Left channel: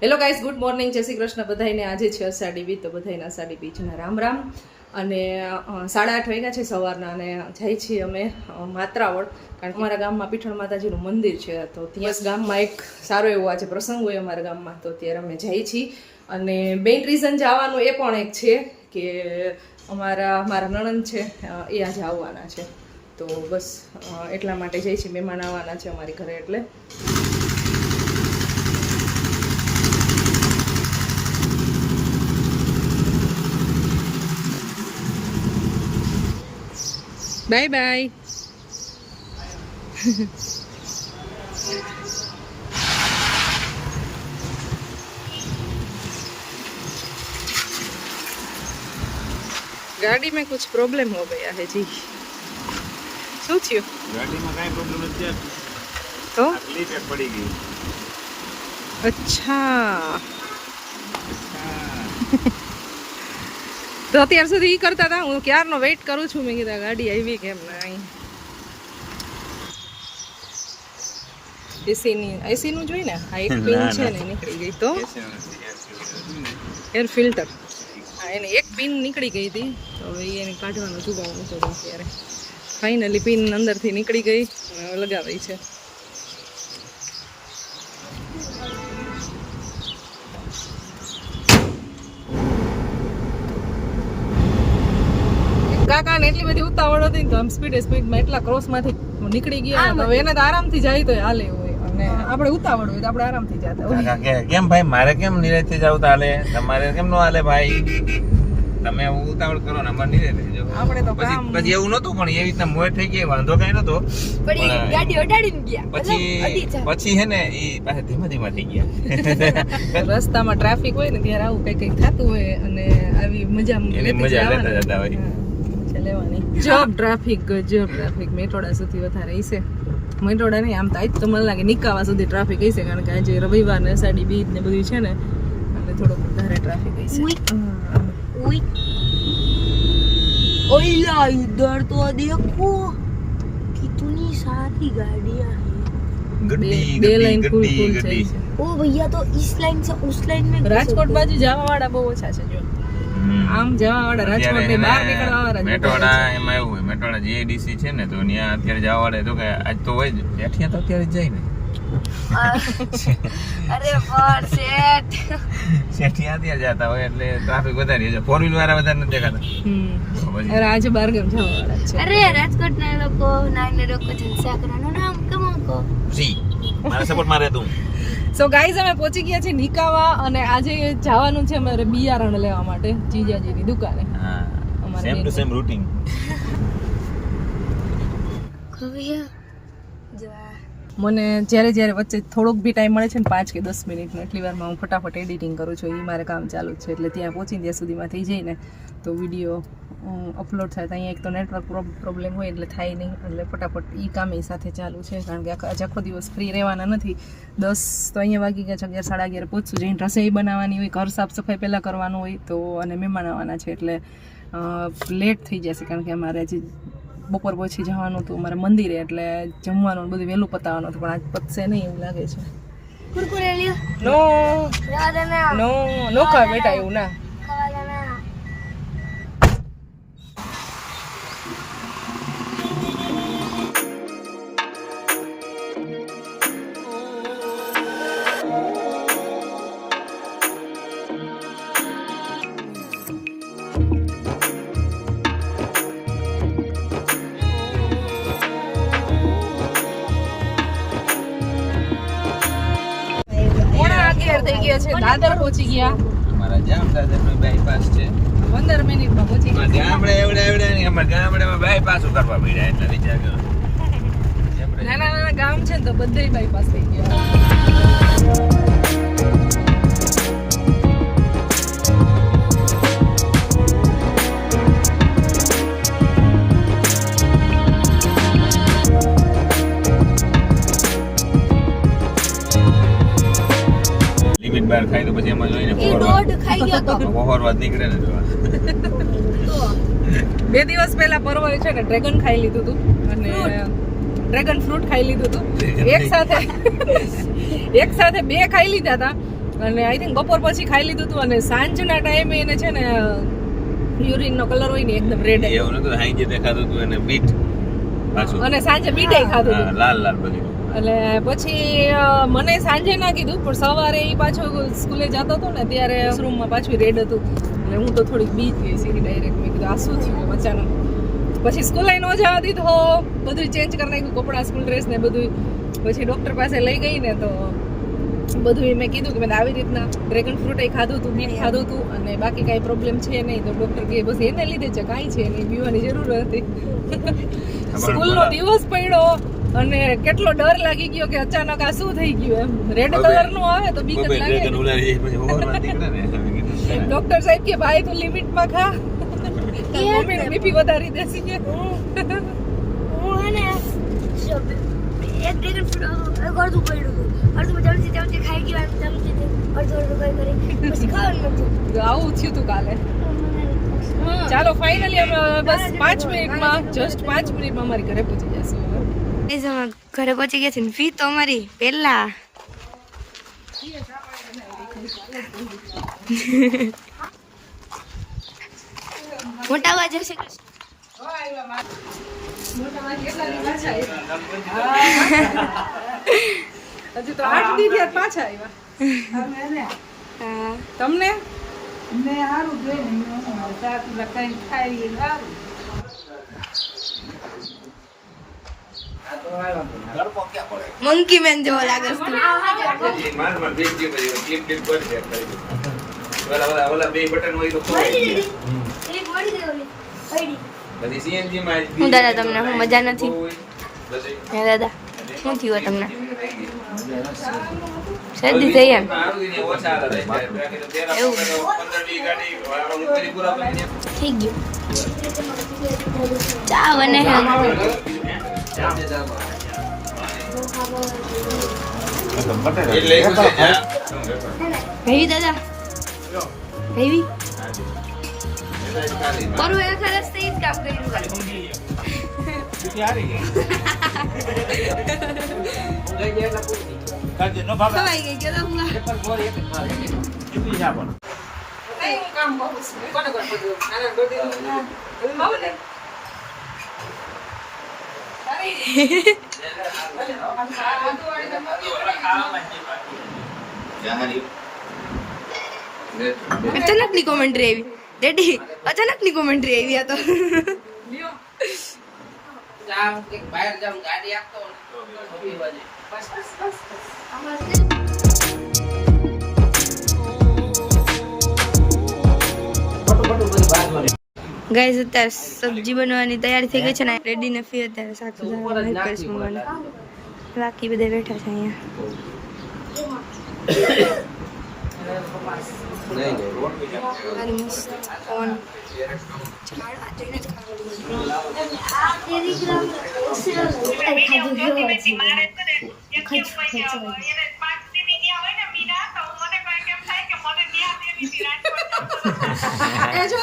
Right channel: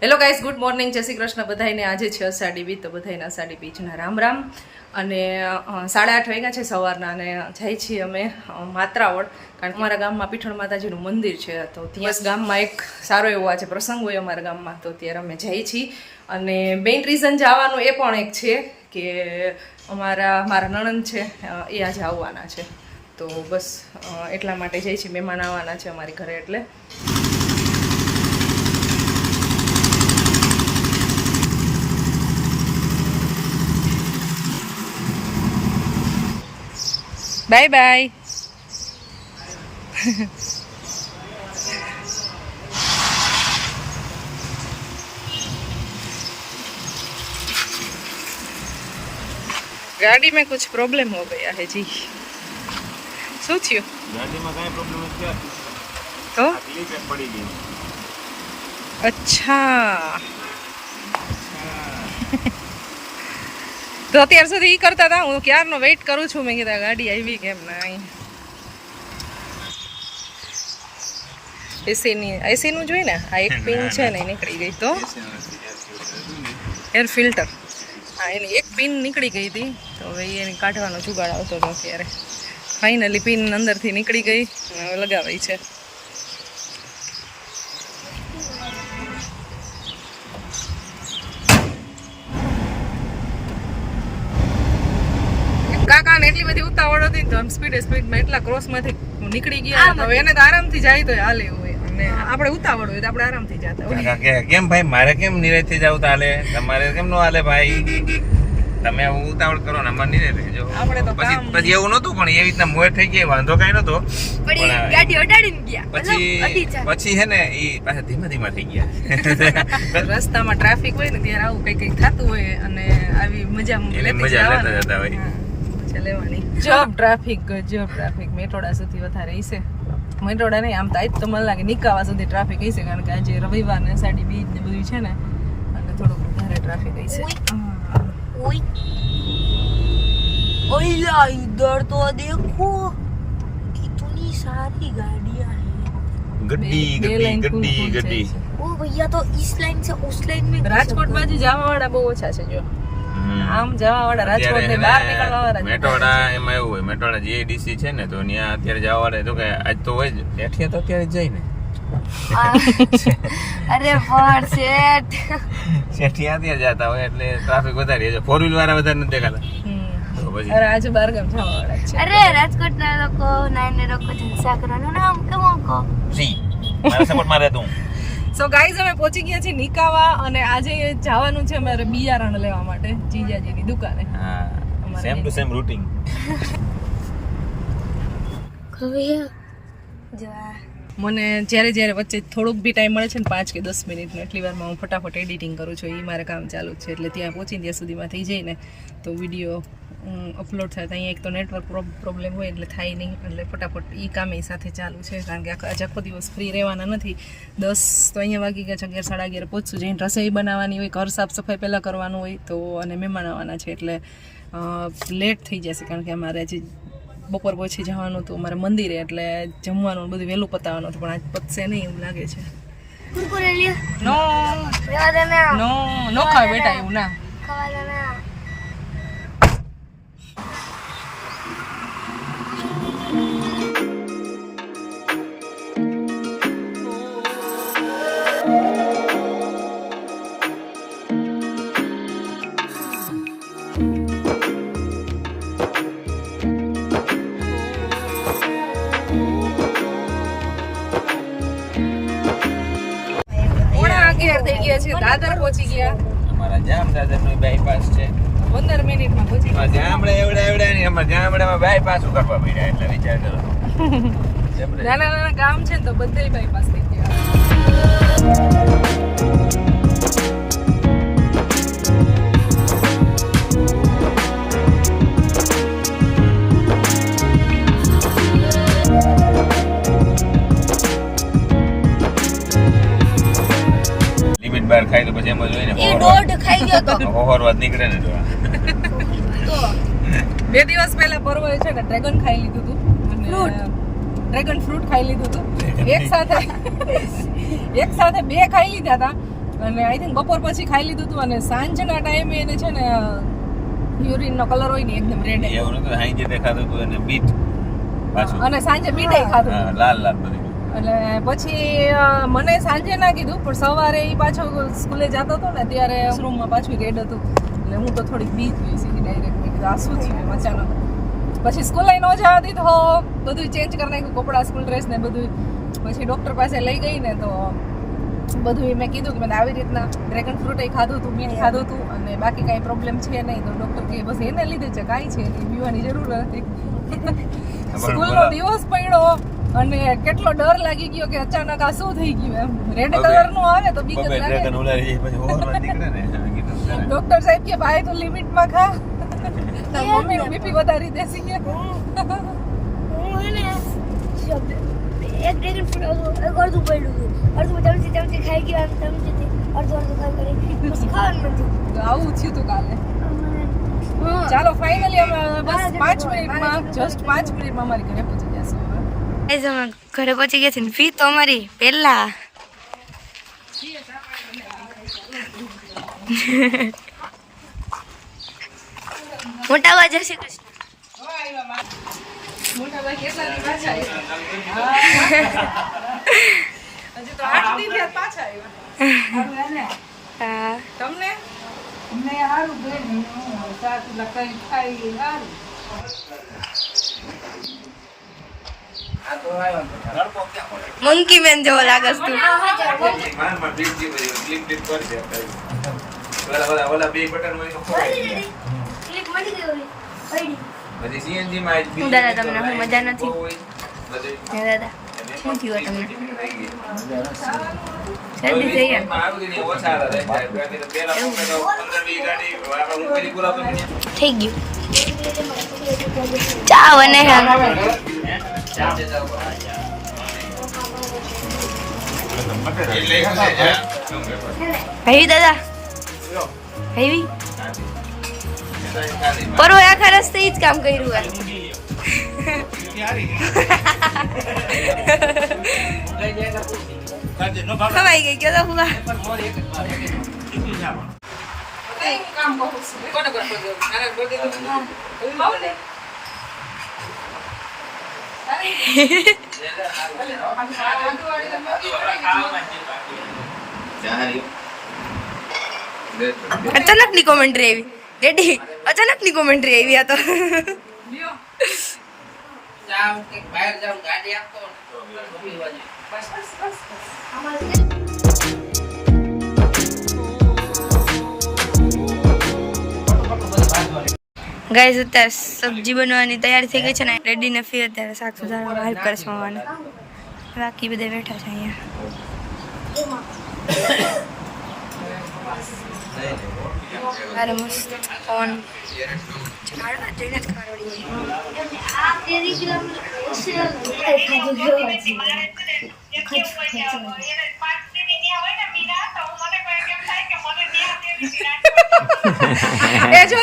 Hello guys good morning જય શ્રી કૃષ્ણ. બધાને આજે છે અષાઢી બીજ તો બધાને અષાઢી બીજના રામ રામ. અને સાડા આઠ વાગ્યા છે સવારના અને જાય છીએ અમે માત્રાવળ કારણ કે અમારા ગામમાં પીઠળ માતાજીનું મંદિર છે. તો ત્યાં ગામમાં એક સારો એવો આજે પ્રસંગ હોય અમારા ગામમાં. તો ત્યારે અમે જઈએ છીએ. અને મેઇન રીઝન જવાનું એ પણ એક છે કે અમારા મારા નણંદ છે એ આજે આવવાના છે. તો બસ એટલા માટે જઈએ છીએ. મહેમાન આવવાના છે અમારી ઘરે એટલે. બાય બાય गाड़ी में कुछ प्रॉब्लम हो गया है जी શું થયું ગાડીમાં કાંઈ પ્રોબ્લેમ નથી થયો. તો આ ક્લિપ એક પડી ગઈ અચ્છા તો અત્યાર સુધી ઈ કરતા હતા. હું ક્યારનો વેઇટ કરું છું? મેં કીધા ગાડી આવી કેમ ના અહીં એસીની એસીનું જોઈ ને? આ એક પિન છે ને એ નીકળી ગઈ તો? એર ફિલ્ટર હા એની એક પિન નીકળી ગઈ હતી. તો હવે એને કાઢવાનો જુગાડ આવતો હતો અત્યારે. ફાઇનલી પિન અંદરથી નીકળી ગઈ અને હવે લગાવાઈ છે. કાકા એટલી બધી ઉતાવળ હતી ને તો આમ સ્પીડે સ્પીડમાં એટલા ક્રોસમાંથી નીકળી ગયા તો એને તો આરામથી જાય તો હાલે હોય. અને આપણે ઉતાવળ હોય તો આપણે આરામથી જતા હોય કેમ ભાઈ મારે કેમ નિરાયથી જાવ તો હાલે? તમારે કેમ નો હાલે ભાઈ? તમે ઉતાવળ કરો ને અમારે નિરાય રહેજો. પછી પછી એવું નતું પણ એવી રીતના મોર થઈ ગઈ વાંધો કઈ નતો પણ ગાડી અડાડીને ગયા પછી પછી હે ને એ પાછા ધીમે ધીમે થઈ ગયા. રસ્તામાં ટ્રાફિક હોય ને ત્યારે આવું કઈ કઈ થતું હોય અને આવી મજા મજા લેતા જતા હોય. છે લેવાની. Job traffic job traffic Metoda સુધી વધારે હશે મેટોડા નહીં આમ તો આજ તો મને લાગે નિકાવા સુધી ટ્રાફિક હશે કારણ કે આજે રવિવાર ને સાડી બીજ ને બધું છે ને અને થોડોક વધારે ટ્રાફિક હશે ઓઈલા તો દેખો. કિતની સારી ગાડી ગડી બે લાઈન ફૂલ ફૂલ છે. ઓ ભૈયા તો ઈસ છે ઉસ લાઈન રાજકોટ બાજુ જવા વાળા બહુ ઓછા છે જો. આમ જવા વાળા બહાર નીકળવા મેટોડા એમાં એવું હોય. મેટોડા જીએડીસી છે ને તો ત્યાં અત્યારે જવા તો કે આજ તો હોય જ. એઠીએ તો અત્યારે જાય ને. અરે પણ શેઠ. શેઠી અત્યારે જતા હોય એટલે ટ્રાફિક વધારે છે. ફોર વ્હીલ વાળા વધારે નથી દેખાતા. રાજ બર્ગમ જવા વાળા છે. અરે રાજકોટ ના લોકો નાઈને લોકો જલસા કરવાનું નામ કેમ કો જી. મારા સપોર્ટ રહેતું સો ગાઈઝ અમે પહોંચી ગયા છીએ નિકાવા અને આજે જવાનું છે અમારે બિયારણ લેવા માટે જીજાજીની દુકાને. અમારે સેમ ટુ સેમ રૂટિંગ ભૈયા જવા મને જ્યારે જ્યારે વચ્ચે થોડોક બી ટાઈમ મળે છે ને પાંચ કે દસ મિનિટનો, એટલી વારમાં હું ફટાફટ એડિટિંગ કરું છું. એ મારે કામ ચાલુ છે, એટલે ત્યાં પહોંચીને ત્યાં સુધીમાં થઈ જાય તો વીડિયો અપલોડ થાય. તો અહીંયા એક તો નેટવર્ક પ્રોબ્લેમ હોય એટલે થાય નહીં, એટલે ફટાફટ એ કામ એ સાથે ચાલુ છે, કારણ કે આજે આખો દિવસ ફ્રી રહેવાના નથી. દસ તો અહીંયા વાગી ગયા છે, અગિયાર, સાડા અગિયાર પહોંચશું. જઈને રસોઈ બનાવવાની હોય, ઘર સાફ સફાઈ પહેલાં કરવાનું હોય, તો અને મહેમાન આવવાના છે, એટલે લેટ થઈ જશે, કારણ કે અમારે જે બપોર પછી જવાનું હતું અમારે મંદિરે એટલે જમવાનું બધું વહેલું પતાવવાનું હતું પણ આજ પતશે નહીં એવું લાગે છે. નો. ને નો નો ખાવ બેટા એવું ના. ગયા છે દાદર પહોંચી ગયા. અમારા જામ દાદા નું બાયપાસ છે. પંદર મિનિટમાં પહોંચી આ જામડા એવડા એવડા નહીં અમારા જામડામાં બાયપાસ કરવા પડ્યા એટલે વિચાર કરો. નાના નાના ગામ છે ને તો બધાય બાયપાસ થઈ ગયા. લિમિટ ખાઈ તો પછી એમાં જોઈને એ દોઢ ખાઈ ગયો તો. ઓવરવાદ નીકળે ને તો તો. બે દિવસ પહેલા પરવાય છે ને ડ્રેગન ખાઈ લીધું હતું અને ડ્રેગન ફ્રૂટ ખાઈ લીધું હતું એક સાથે એક સાથે બે ખાઈ લીધા હતા અને આઈ થિંક બપોર પછી ખાઈ લીધું હતું અને સાંજના ટાઈમે એને છે ને યુરિનનો કલર હોય ને એકદમ રેડ એવું નતું હાઈ જે દેખાતું હતું અને બીટ પાછું. અને સાંજે બીટ ખાધું હતું લાલ લાલ બધું. એટલે પછી મને સાંજે ના કીધું પણ સવારે એ પાછો સ્કૂલે જતો હતો ને ત્યારે રૂમમાં પાછું રેડ હતું. એટલે હું તો થોડીક બી થઈ સીધી ડાયરેક્ટ મેં કીધું આ શું થયું અચાનક પછી સ્કૂલે ન જવા દીધો બધું ચેન્જ કરી નાખ્યું કપડાં સ્કૂલ ડ્રેસ ને બધું પછી ડૉક્ટર પાસે લઈ ગઈ ને તો બધું મેં કીધું કે મેં આવી રીતના ડ્રેગન ફ્રૂટ એ ખાધું હતું બીટ ખાધું હતું અને બાકી કાંઈ પ્રોબ્લેમ છે નહીં. તો ડૉક્ટર કહે બસ એને લીધે છે કાંઈ છે નહીં પીવાની જરૂર નથી. સ્કૂલનો દિવસ પડ્યો. અને કેટલો ડર લાગી ગયો કે અચાનક આ શું થઈ ગયું એમ? રેડ કલરનું આવે તો બીક જ લાગે. મેં. ડોક્ટર સાહેબ કે ભાઈ તું લિમિટમાં ખા. મમ્મી નું બીપી વધારી દેસી કે. હું હે ને જો એક ડ્રેગન ફ્રૂટ અડધું પડ્યું હતું. ખાઈ ગયો એમ ચમચીથી અડધું અડધું ખાઈ કરી. પછી ખાવાનું નતું આવું થયું તું કાલે. ચાલો ફાઇનલી અમે બસ પાંચ મિનિટમાં જસ્ટ પાંચ મિનિટમાં અમારી ઘરે પહોંચી જશે અમે ઘરે પહોંચી ગયા છે ને ફી તો અમારી પહેલા. મોટા જય શ્રી કૃષ્ણ. તમને? તો સારું લખાઈ થયા પાછા આવ્યા હા તમને મંકી મેન જેવો લાગસ તું ઓલા ઓલા ઓલા બે બટન હોય તો. પછી સીએનજી માં હું દાદા તમને, હું મજા નથી. હે દાદા, શું થયું તમને? શરદી થઈ એમ. એવું. થઈ ગયું. ચા બને હે હેવી, દાદા? ભાઈ પરો આખા રસ્તે જ કામ કર્યું ખવાઈ ગઈ, ગયો તો હુઆ કામ બહુ છે કોને કોને? બહુ ને અચાનકની કોમેન્ટ્રી આવી. ડેડી અચાનકની કોમેન્ટ્રી આવી આ તો. લ્યો. ગાઈઝ અત્યારે સબ્જી બનવાની તૈયારી થઈ ગઈ છે ને રેડી ને ફી અત્યારે શાક સુધારવામાં હેલ્પ કરશે મમ્માને બાકી બધા બેઠા છે અહીંયા. અરે મસ્ત. ખાવડીએ એ જો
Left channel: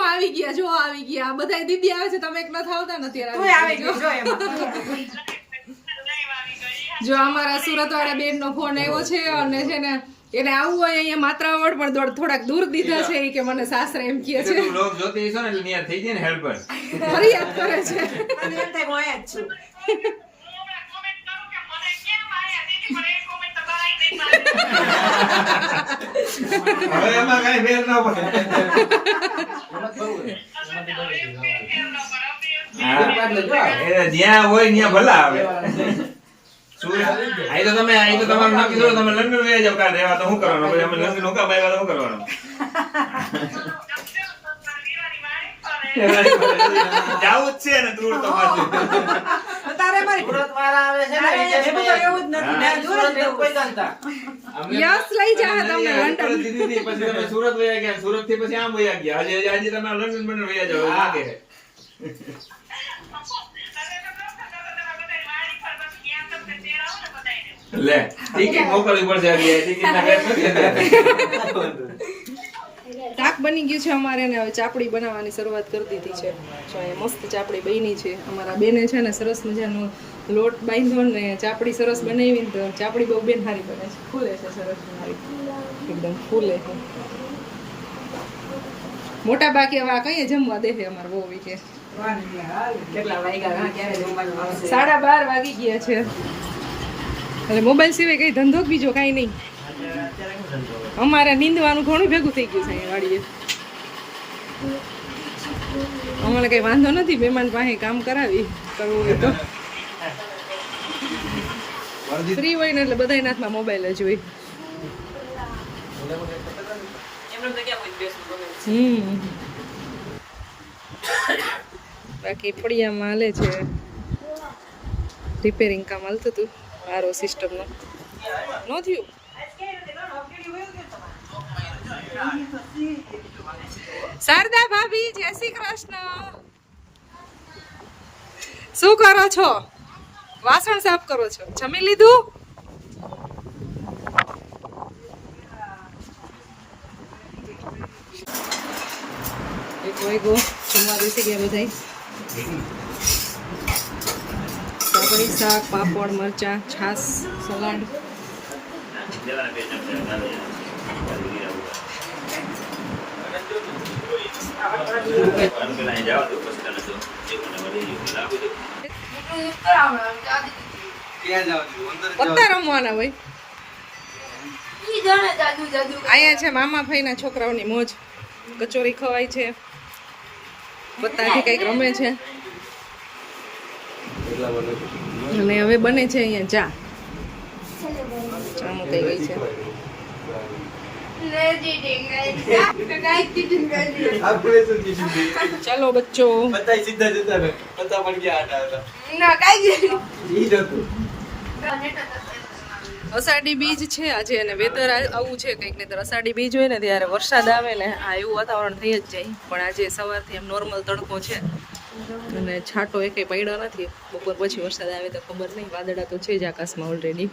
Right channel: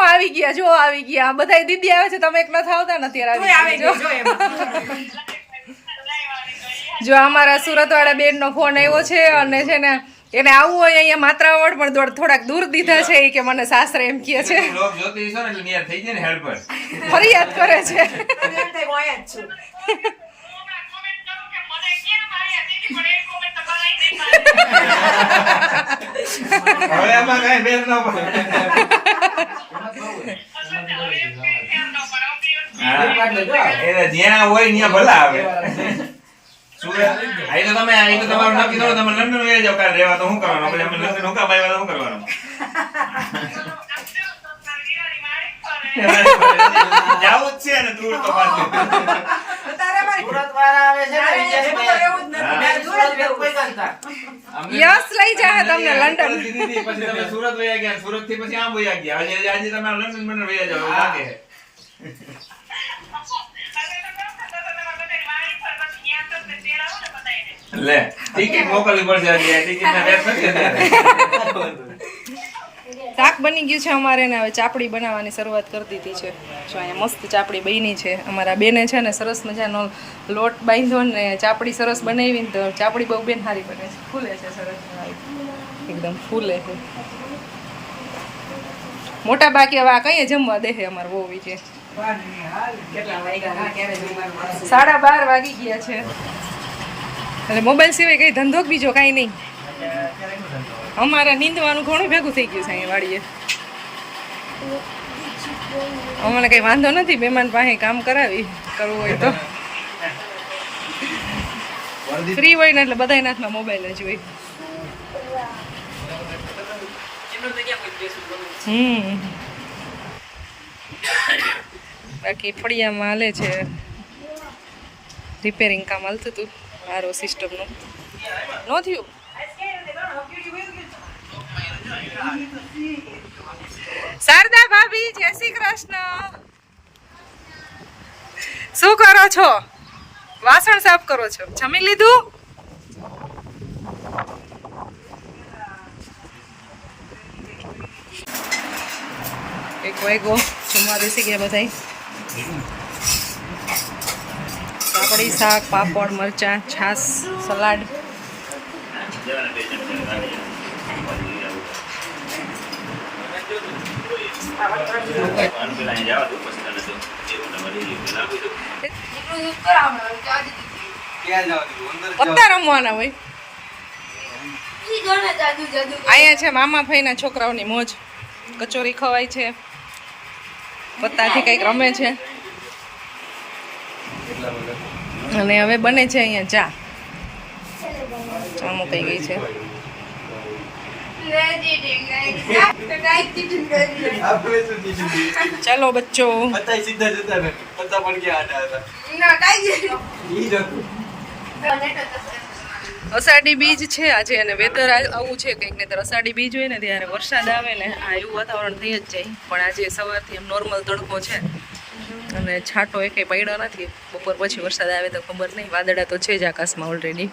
તમે માં આવી ગયા જો આવી ગયા. બધા દીદી આવે છે તમે એક નથી થાવતા નથી. જો. અમારા સુરત વાળા બેન નો ફોન આવ્યો છે અને છે ને એને આવું હોય અહીંયા માત્રાવડ પણ થોડાક દૂર દીધા છે કે મને સાસરે એમ કહે છે. ને ને ફરિયાદ કરે છે. હવે એમાં કઈ ફેર ન પડે. જ્યાં હોય ત્યાં ભલા આવે આઈ તો તમે આઈ તો તમારું નક્કી કરો તમે લંડન વહી જાવ કાલ રહેવા તો શું કરવાનું પછી અમે લંડન હુંકા આવ્યા તો શું કરવાનું જવું જ છે ને દૂર તો પાછું યસ લઈ જાય તમને લંડન સુરત દીધી હતી, પછી તમે સુરત વયા ગયા સુરતથી પછી આમ વયા ગયા આજે આજે તમે લંડન બંડન વયા જાવ એવું લાગે છે. લે ટિકિટ મોકલવી પડશે હજી ટિકિટ ના રેટ નથી અત્યારે. શાક બની ગયું છે અમારે ને હવે ચાપડી બનાવવાની શરૂઆત કરી દીધી છે. જો અહીંયા મસ્ત ચાપડી બની છે. અમારા બેને છે ને સરસ મજાનો લોટ બાંધ્યો ને ચાપડી સરસ બનાવીને તો ચાપડી બહુ બેન સારી બને છે. ફૂલે છે સરસ એકદમ ફૂલે છે. મોટા બાકી હવે આ કઈ જમવા દે અમારે બહુ છે સાડા બાર વાગી ગયા છે. એટલે મોબાઈલ સિવાય કઈ ધંધો બીજો કાંઈ નહીં. અમારે નીંદવાનું ઘણું ભેગું થઈ ગયું છે અહીંયા વાડીએ. અમને કઈ વાંધો નથી મહેમાન પાસે કામ કરાવી કરવું હોય તો. ફ્રી હોય ને એટલે બધાના હાથમાં મોબાઈલ જ હોય. હમ. બાકી ફળિયામાં હાલે છે. રિપેરિંગ કામ હાલતું હતું આરો સિસ્ટમનું ન થયું? શારદા ભાભી, જય શ્રી કૃષ્ણ. શું કરો છો? વાસણ સાફ કરો છો? જમી લીધું? એક વાગ્યો. જમવા બેસી ગયા બધા પાપડી, શાક, પાપડ, મરચા છાસ સલાડ. પત્તા રમવાના હોય. અહીંયા છે મામા છોકરાઓની મોજ. કચોરી ખવાય છે. પત્તાથી કંઈક રમે છે. અને હવે બને છે અહીંયા. ચા ચા મુકાઈ ગઈ છે. ચાલો બચ્ચો. અષાઢી બીજ છે આજે અને વેધર આવું છે કંઈક ને અષાઢી બીજ હોય ને ત્યારે વરસાદ આવે ને આ એવું વાતાવરણ થઈ જ જાય. પણ આજે સવારથી એમ નોર્મલ તડકો છે. અને છાંટો એકે પડ્યો નથી. બપોર પછી વરસાદ આવે તો ખબર નહીં. વાદળા તો છે જ આકાશમાં ઓલરેડી